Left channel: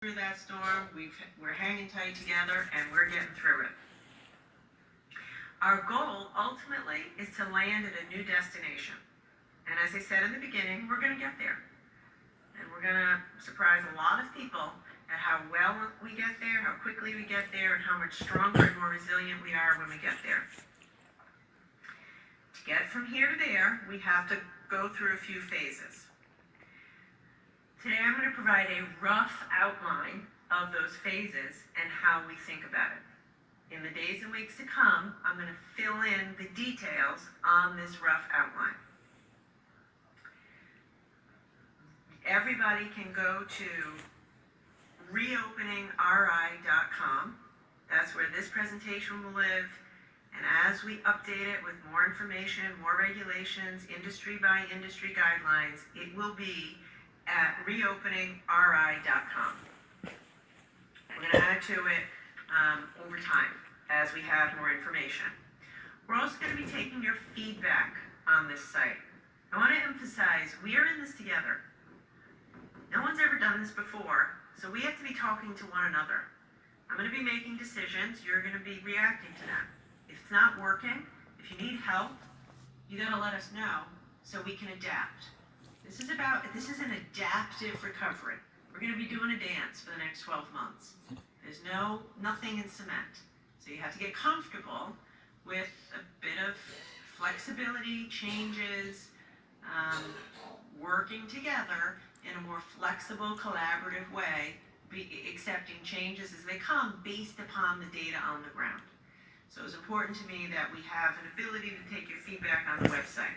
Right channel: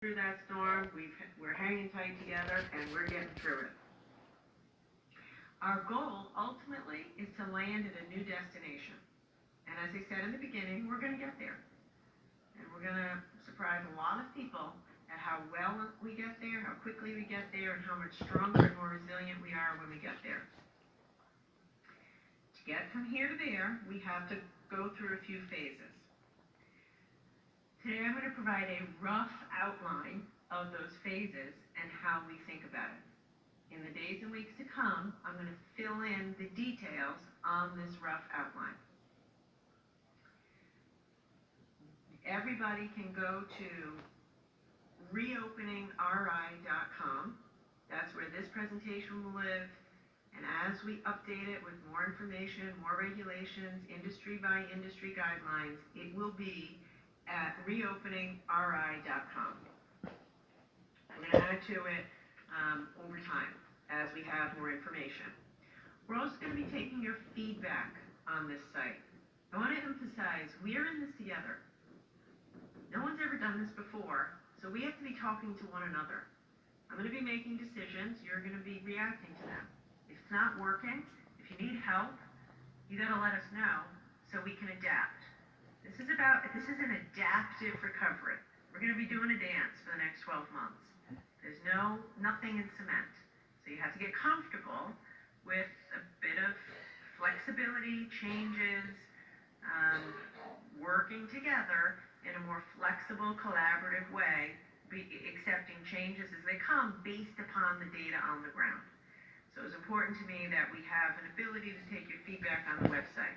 through that storm. We're hanging tight together, and we're getting through it. Our goal, ultimately, is to land at a new destination. And as I said in the beginning, we're going to get there. And we're going to surprise a lot of people at how well we get there, how quickly we get there, and how much stronger and more resilient we are when we get there. To get from here to there, we have to go through a few phases. Today I'm going to provide a rough outline of those phases and how we think about it. In the days and weeks to come, I'm going to fill in the details on this rough outline. Everybody can go to reopeningri.com. That's where this presentation will live. And as we update it with more information, more regulations, industry by industry guidelines, it will be at reopeningri.com. We're going to add to it over time as we have more information. We're also going to be taking your feedback on this site. I want to emphasize, we are in this together. No one's ever done this before, so we have to be talking to one another. I'm going to be making decisions, you're going to be reacting to them. If it's not working, if you need help, you got to let us know so we can adapt. This is an adaptive recovery. We're going to be doing a dance for the next 12 months. There's nothing in cement. So you have to get comfortable with a bit of flexibility, changes, working together in a more flexible, collaborative way, accepting changes as they come based upon the data on the ground. So it's important to me that we have an ability to take your feedback on the website.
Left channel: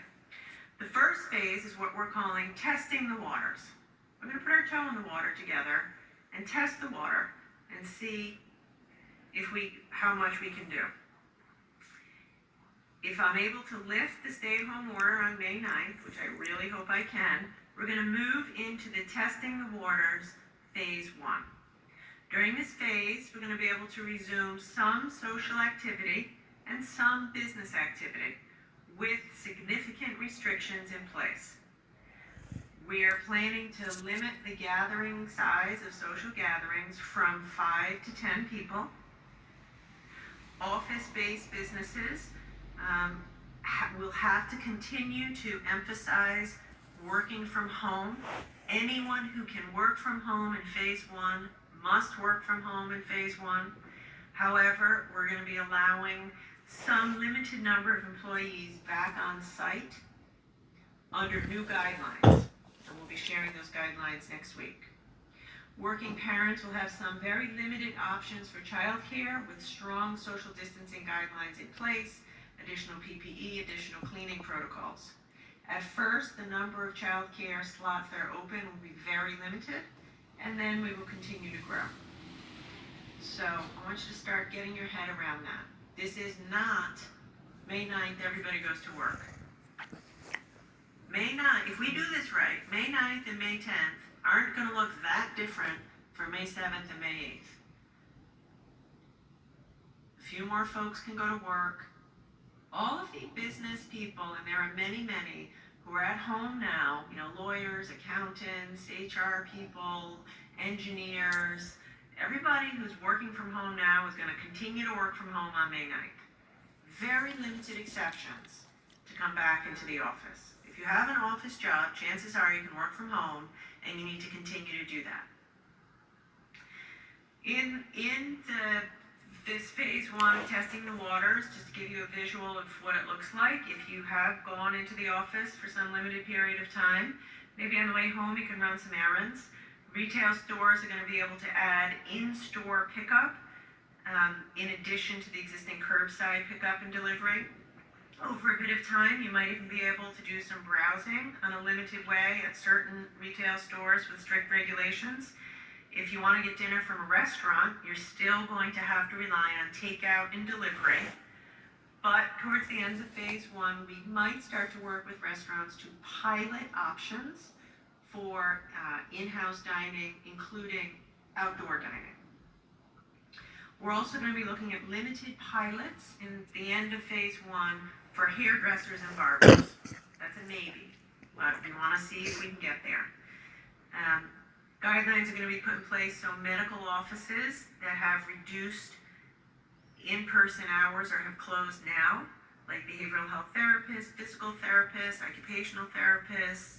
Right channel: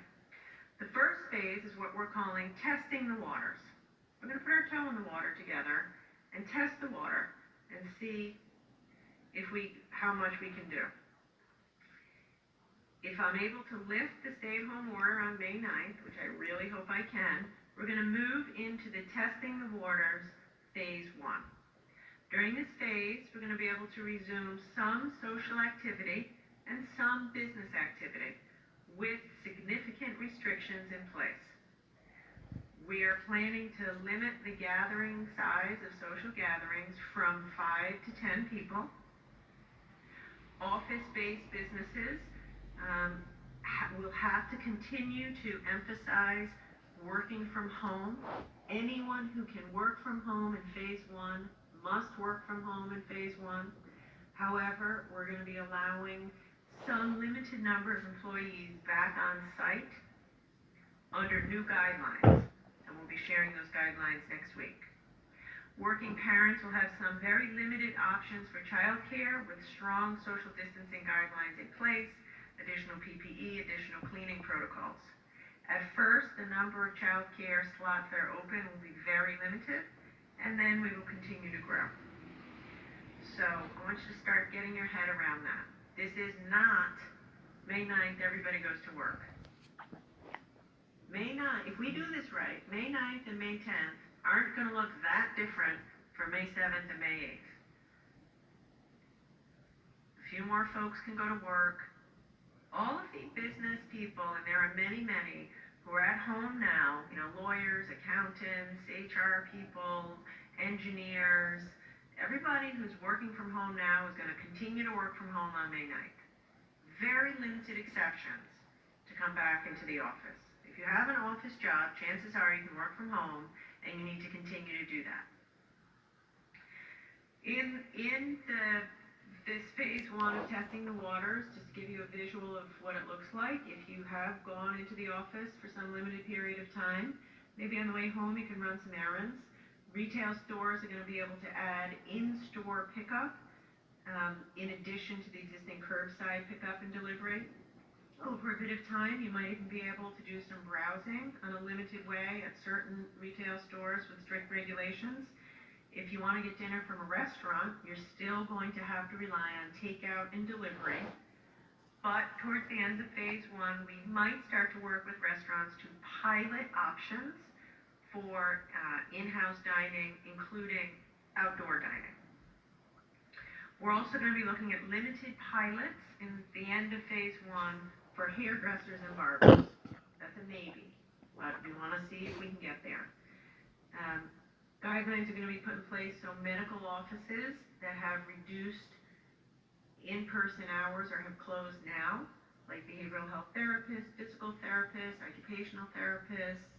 The first phase is what we're calling testing the waters. We're going to put our toe in the water together and test the water and see how much we can do. If I'm able to lift the stay-at-home order on May 9th, which I really hope I can, we're going to move into the testing the waters phase 1. During this phase, we're going to be able to resume some social activity and some business activity with significant restrictions in place. We are planning to limit the gathering size of social gatherings from 5 to 10 people. Office-based businesses will have to continue to emphasize working from home. Anyone who can work from home in phase 1 must work from home in phase 1. However, we're going to be allowing some limited number of employees back on site under new guidelines, and we'll be sharing those guidelines next week. Working parents will have some very limited options for childcare with strong social distancing guidelines in place, additional PPE, additional cleaning protocols. At first, the number of childcare slots that are open will be very limited, and then we will continue to grow. So I want you to start getting your head around that. This is not May 9th, everybody goes to work. May 9th, if we do this right, May 9th and May 10th aren't going to look that different from May 7th and May 8th. A few more folks can go to work. All of the business people, and there are many, who are at home now, lawyers, accountants, HR people, engineers, everybody who's working from home now is going to continue to work from home on May 9th. Very limited exceptions to come back into the office. If you have an office job, chances are you can work from home, and you need to continue to do that. In this phase 1 of testing the waters, just to give you a visual of what it looks like, if you have gone into the office for some limited period of time, maybe on the way home you can run some errands. Retail stores are going to be able to add in-store pickup in addition to the existing curbside pickup and delivery. Over a bit of time, you might even be able to do some browsing on a limited way at certain retail stores with strict regulations. If you want to get dinner from a restaurant, you're still going to have to rely on takeout and delivery. But towards the end of phase 1, we might start to work with restaurants to pilot options for in-house dining, including outdoor dining. We're also going to be looking at limited pilots in the end of phase 1 for hairdressers and barbers. That's a maybe, but we want to see if we can get there. Guidelines are gonna be put in place so medical offices that have reduced in-person hours or have closed now, like behavioral health therapists, physical therapists, occupational therapists,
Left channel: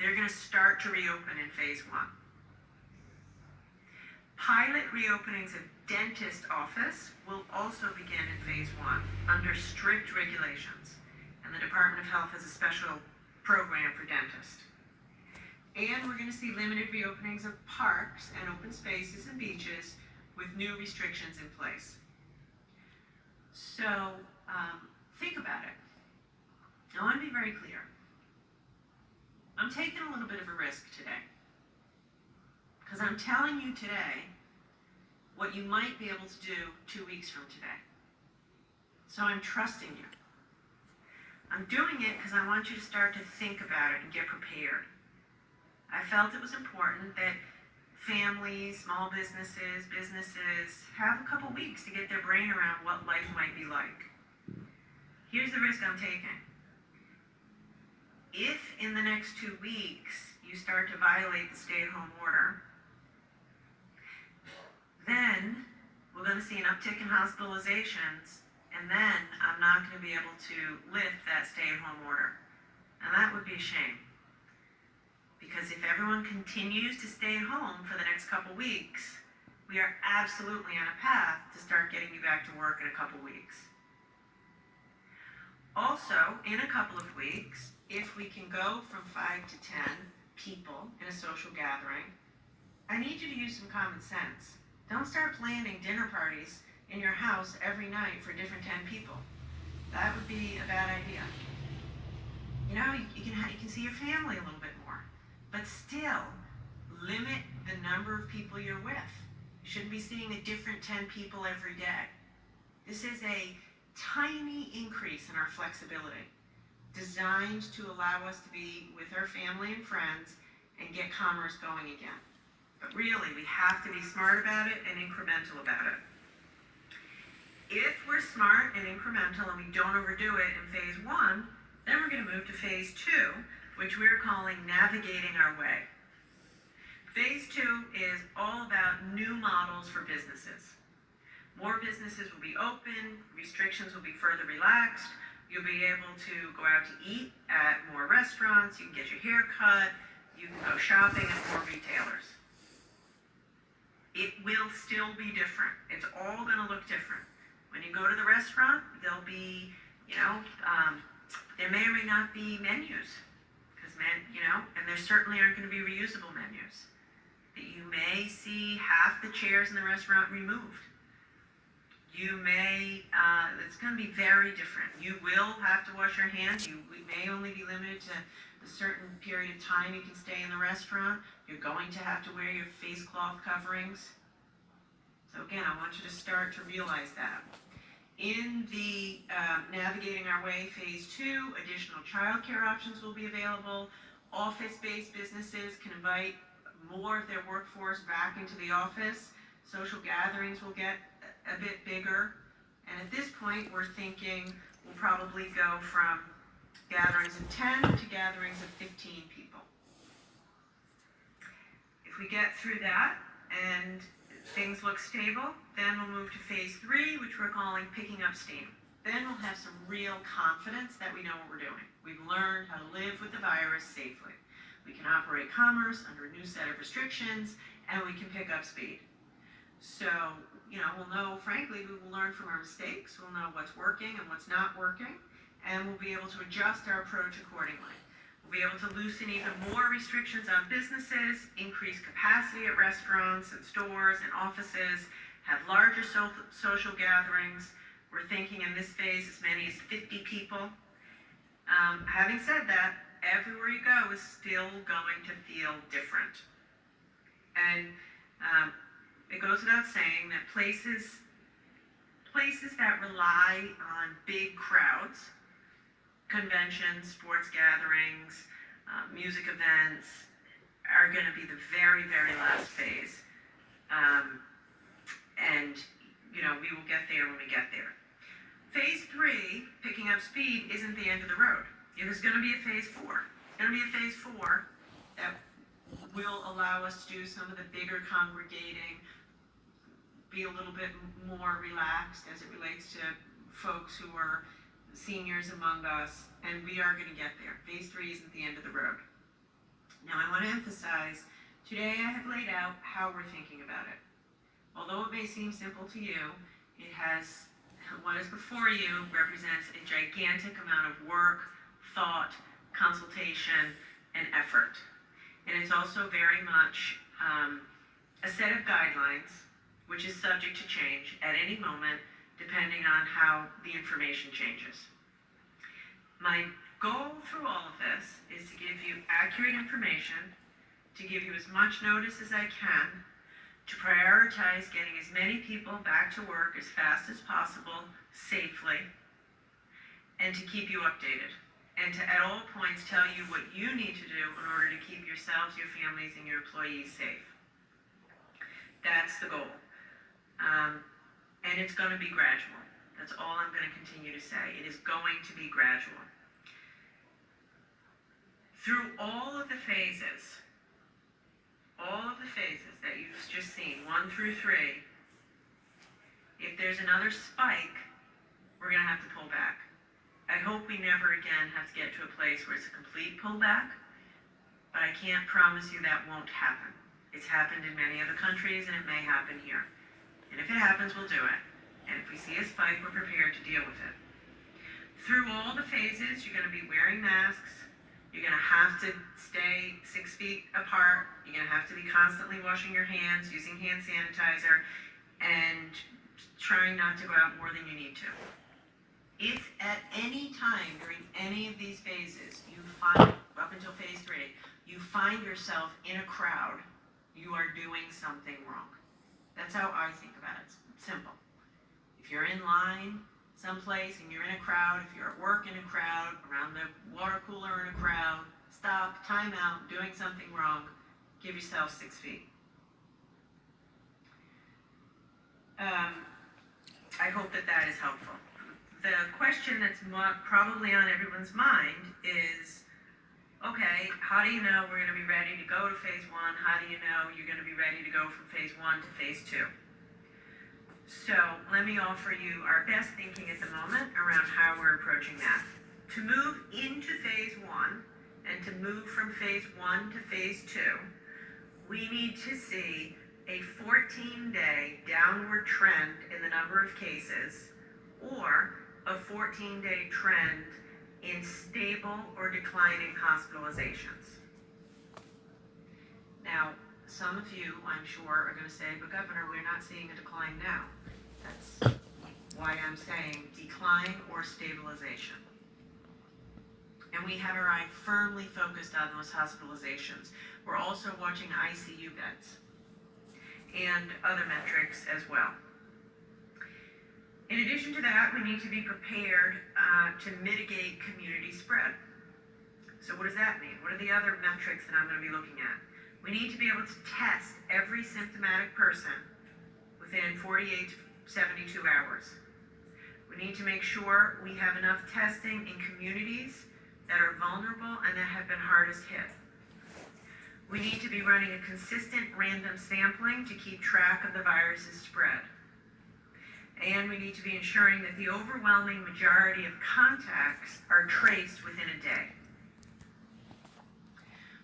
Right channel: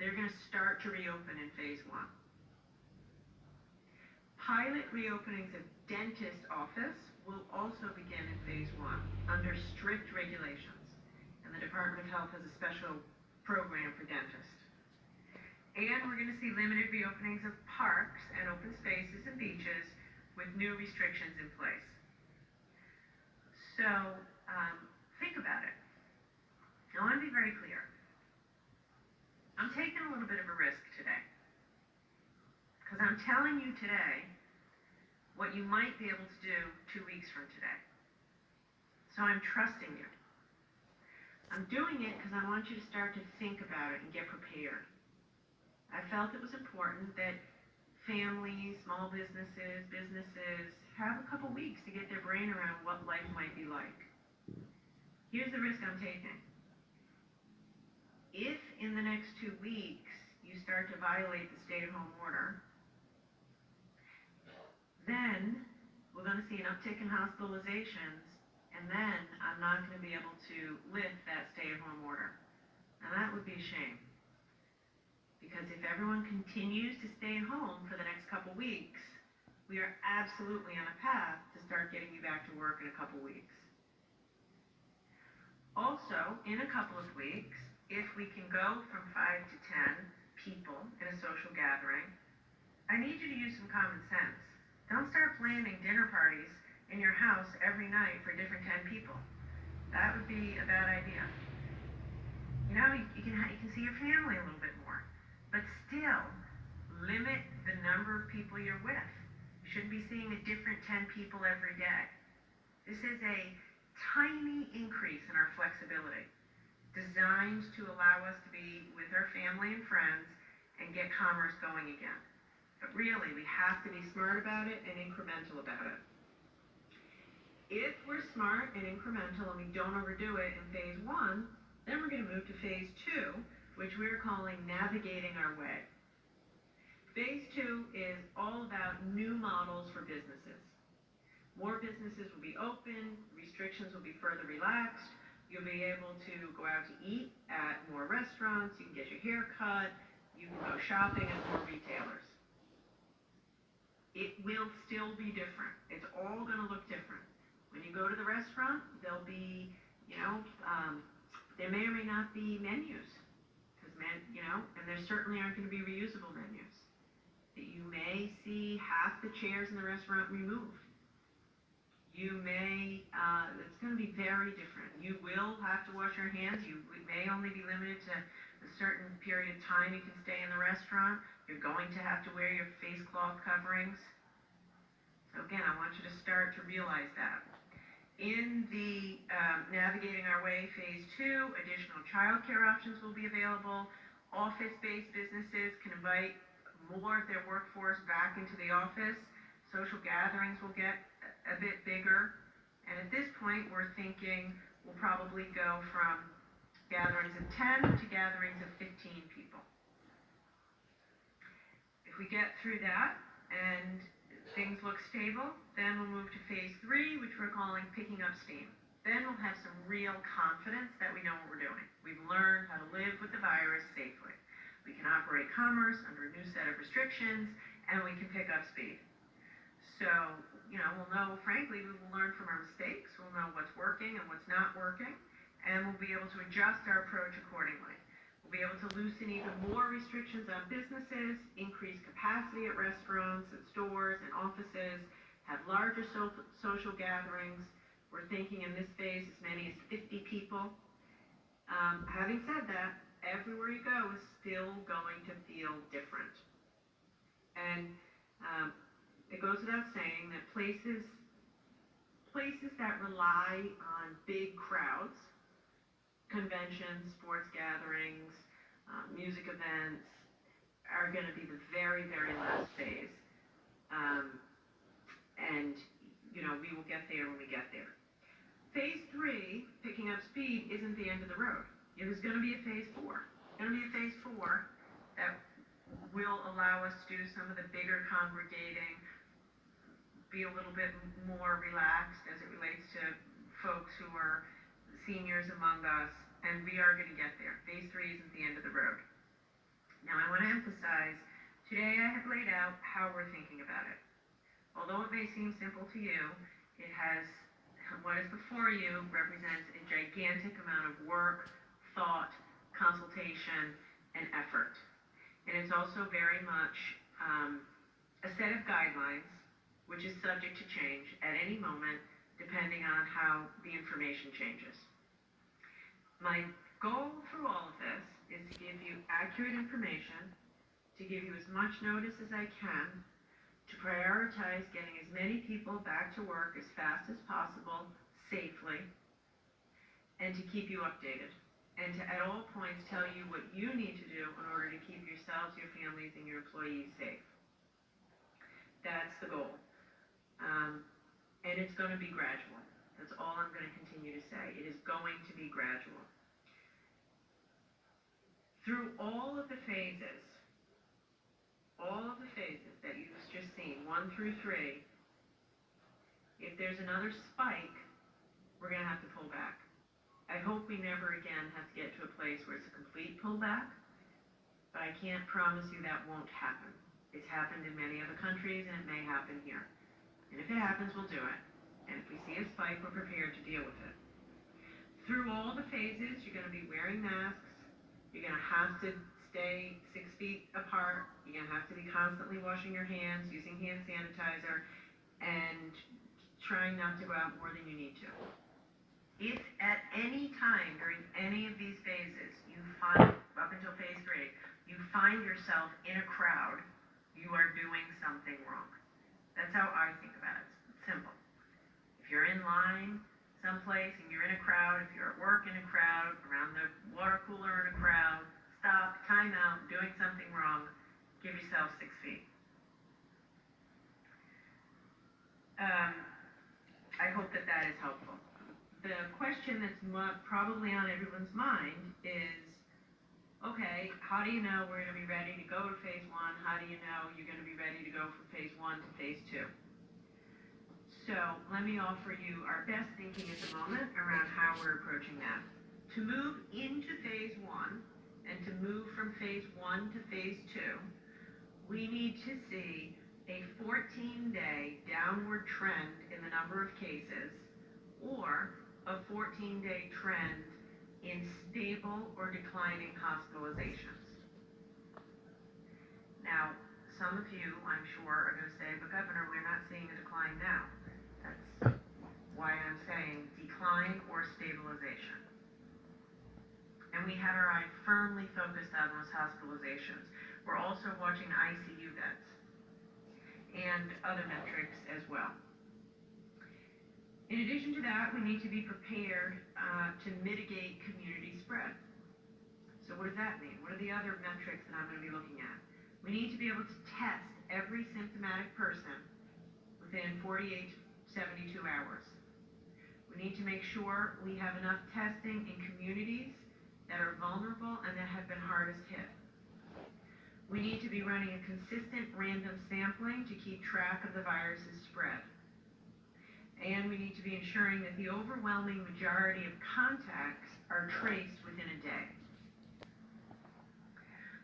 they're gonna start to reopen in phase one. Pilot reopenings of dentist office will also begin in phase one under strict regulations. And the Department of Health has a special program for dentists. And we're gonna see limited reopenings of parks and open spaces and beaches with new restrictions in place. So, think about it. I wanna be very clear. I'm taking a little bit of a risk today. Because I'm telling you today what you might be able to do 2 weeks from today. So I'm trusting you. I'm doing it because I want you to start to think about it and get prepared. I felt it was important that families, small businesses, businesses have a couple weeks to get their brain around what life might be like. Here's the risk I'm taking. If in the next 2 weeks you start to violate the stay-at-home order, then we're going to see an uptick in hospitalizations, and then I'm not going to be able to lift that stay-at-home order. And that would be a shame. Because if everyone continues to stay at home for the next couple weeks, we are absolutely on a path to start getting you back to work in a couple weeks. Also, in a couple of weeks, if we can go from 5 to 10 people in a social gathering, I need you to use some common sense. Don't start planning dinner parties in your house every night for different 10 people. That would be a bad idea. You know, you can see your family a little bit more, but still limit the number of people you're with. You shouldn't be seeing a different 10 people every day. This is a tiny increase in our flexibility, designed to allow us to be with our family and friends and get commerce going again. But really, we have to be smart about it and incremental about it. If we're smart and incremental and we don't overdo it in phase one, then we're going to move to phase two, which we're calling navigating our way. Phase two is all about new models for businesses. More businesses will be open, restrictions will be further relaxed, you'll be able to go out to eat at more restaurants, you can get your hair cut, you can go shopping at more retailers. It will still be different. It's all gonna look different. When you go to the restaurant, there'll be, there may or may not be menus, and there certainly aren't gonna be reusable menus. You may see half the chairs in the restaurant removed. You may, it's going to be very different. You will have to wash your hands. You may only be limited to a certain period of time you can stay in the restaurant. You're going to have to wear your face cloth coverings. So again, I want you to start to realize that. In the Navigating Our Way phase two, additional childcare options will be available. Office-based businesses can invite more of their workforce back into the office. Social gatherings will get a bit bigger, and at this point we're thinking we'll probably go from gatherings of 10 to gatherings of 15 people. If we get through that and things look stable, then we'll move to phase three, which we're calling picking up steam. Then we'll have some real confidence that we know what we're doing. We've learned how to live with the virus safely. We can operate commerce under a new set of restrictions, and we can pick up speed. So, we'll know, frankly, we will learn from our mistakes, we'll know what's working and what's not working, and we'll be able to adjust our approach accordingly. We'll be able to loosen even more restrictions on businesses, increase capacity at restaurants and stores and offices, have larger social gatherings. We're thinking in this phase as many as 50 people. Having said that, everywhere you go is still going to feel different. And it goes without saying that places that rely on big crowds, conventions, sports gatherings, music events, are going to be the very, very last phase. And we will get there when we get there. Phase three, picking up speed, isn't the end of the road. There's going to be a phase four. There's going to be a phase four that will allow us to do some of the bigger congregating, be a little bit more relaxed as it relates to folks who are seniors among us, and we are gonna get there. Phase 3 isn't the end of the road. Now, I wanna emphasize, today I have laid out how we're thinking about it. Although it may seem simple to you, it has, what is before you represents a gigantic amount of work, thought, consultation, and effort. And it's also very much a set of guidelines, which is subject to change at any moment, depending on how the information changes. My goal through all of this is to give you accurate information, to give you as much notice as I can, to prioritize getting as many people back to work as fast as possible, safely, and to keep you updated, and to at all points tell you what you need to do in order to keep yourselves, your families, and your employees safe. That's the goal. And it's going to be gradual. That's all I'm going to continue to say. It is going to be gradual. Through all of the phases that you've just seen, 1 through 3, if there's another spike, we're going to have to pull back. I hope we never again have to get to a place where it's a complete pullback, but I can't promise you that won't happen. It's happened in many other countries, and it may happen here. And if it happens, we'll do it. And if we see a spike, we're prepared to deal with it. Through all the phases, you're going to be wearing masks. You're going to have to stay 6 feet apart. You're going to have to be constantly washing your hands, using hand sanitizer, and trying not to go out more than you need to. If at any time during any of these phases you find, up until phase 3, you find yourself in a crowd, you are doing something wrong. That's how I think about it. It's simple. If you're in line someplace and you're in a crowd, if you're at work in a crowd, around the water cooler in a crowd, stop, time out, doing something wrong, give yourself 6 feet. I hope that that is helpful. The question that's probably on everyone's mind is, okay, how do you know we're going to be ready to go to phase 1? How do you know you're going to be ready to go from phase 1 to phase 2? So let me offer you our best thinking at the moment around how we're approaching that. To move into phase 1 and to move from phase 1 to phase 2, we need to see a 14-day downward trend in the number of cases, or a 14-day trend in stable or declining hospitalizations. Now, some of you, I'm sure, are going to say, but Governor, we're not seeing a decline now. That's why I'm saying decline or stabilization. And we have our eye firmly focused on those hospitalizations. We're also watching ICU beds and other metrics as well. In addition to that, we need to be prepared to mitigate community spread. So what does that mean? What are the other metrics that I'm going to be looking at? We need to be able to test every symptomatic person within 48 to 72 hours. We need to make sure we have enough testing in communities that are vulnerable and that have been hardest hit. We need to be running a consistent random sampling to keep track of the virus's spread. And we need to be ensuring that the overwhelming majority of contacts are traced within a day.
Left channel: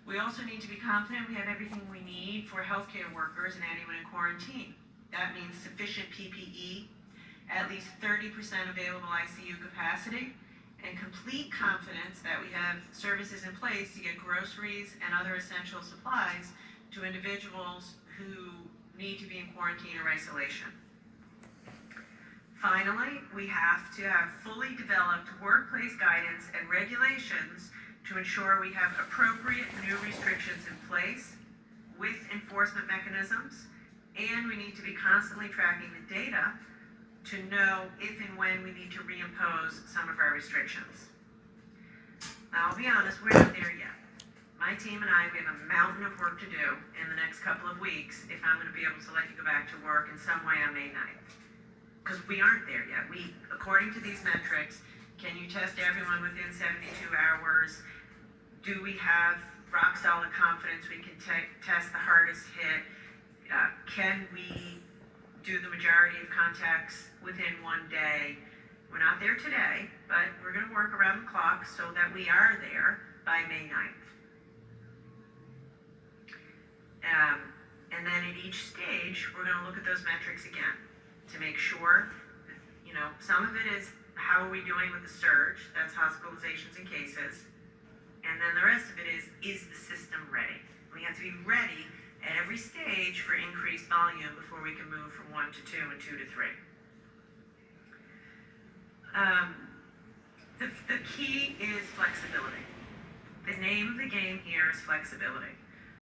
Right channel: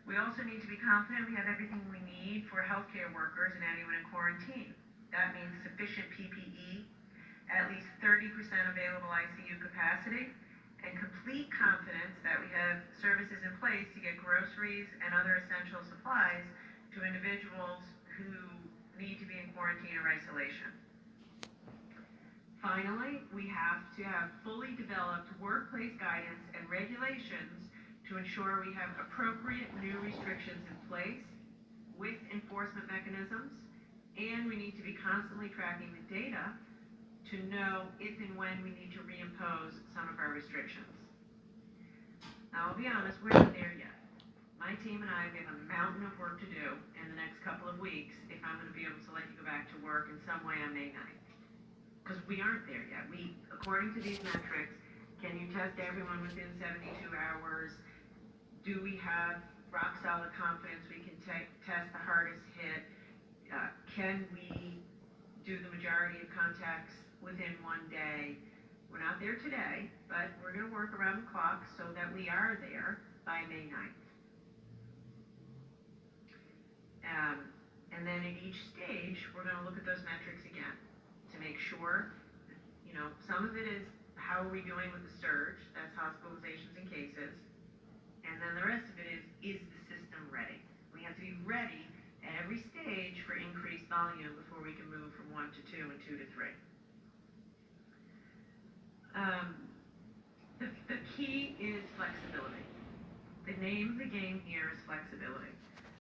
We also need to be confident we have everything we need for healthcare workers and anyone in quarantine. That means sufficient PPE, at least 30% available ICU capacity, and complete confidence that we have services in place to get groceries and other essential supplies to individuals who need to be in quarantine or isolation. Finally, we have to have fully developed workplace guidance and regulations to ensure we have appropriate new restrictions in place with enforcement mechanisms, and we need to be constantly tracking the data to know if and when we need to reimpose some of our restrictions. Now, I'll be honest, we're not there yet. My team and I, we have a mountain of work to do in the next couple of weeks if I'm going to be able to let you go back to work in some way on May 9th. Because we aren't there yet. We, according to these metrics, can you test everyone within 72 hours? Do we have rock solid confidence we can test the hardest hit? Can we do the majority of contacts within one day? We're not there today, but we're gonna work around the clock so that we are there by May 9th. And then at each stage, we're gonna look at those metrics again to make sure, some of it is how are we doing with the surge, that's hospitalizations and cases. And then the rest of it is the system ready? We have to be ready at every stage for increased volume before we can move from 1 to 2 and 2 to 3. The key is flexibility. The name of the game here is flexibility.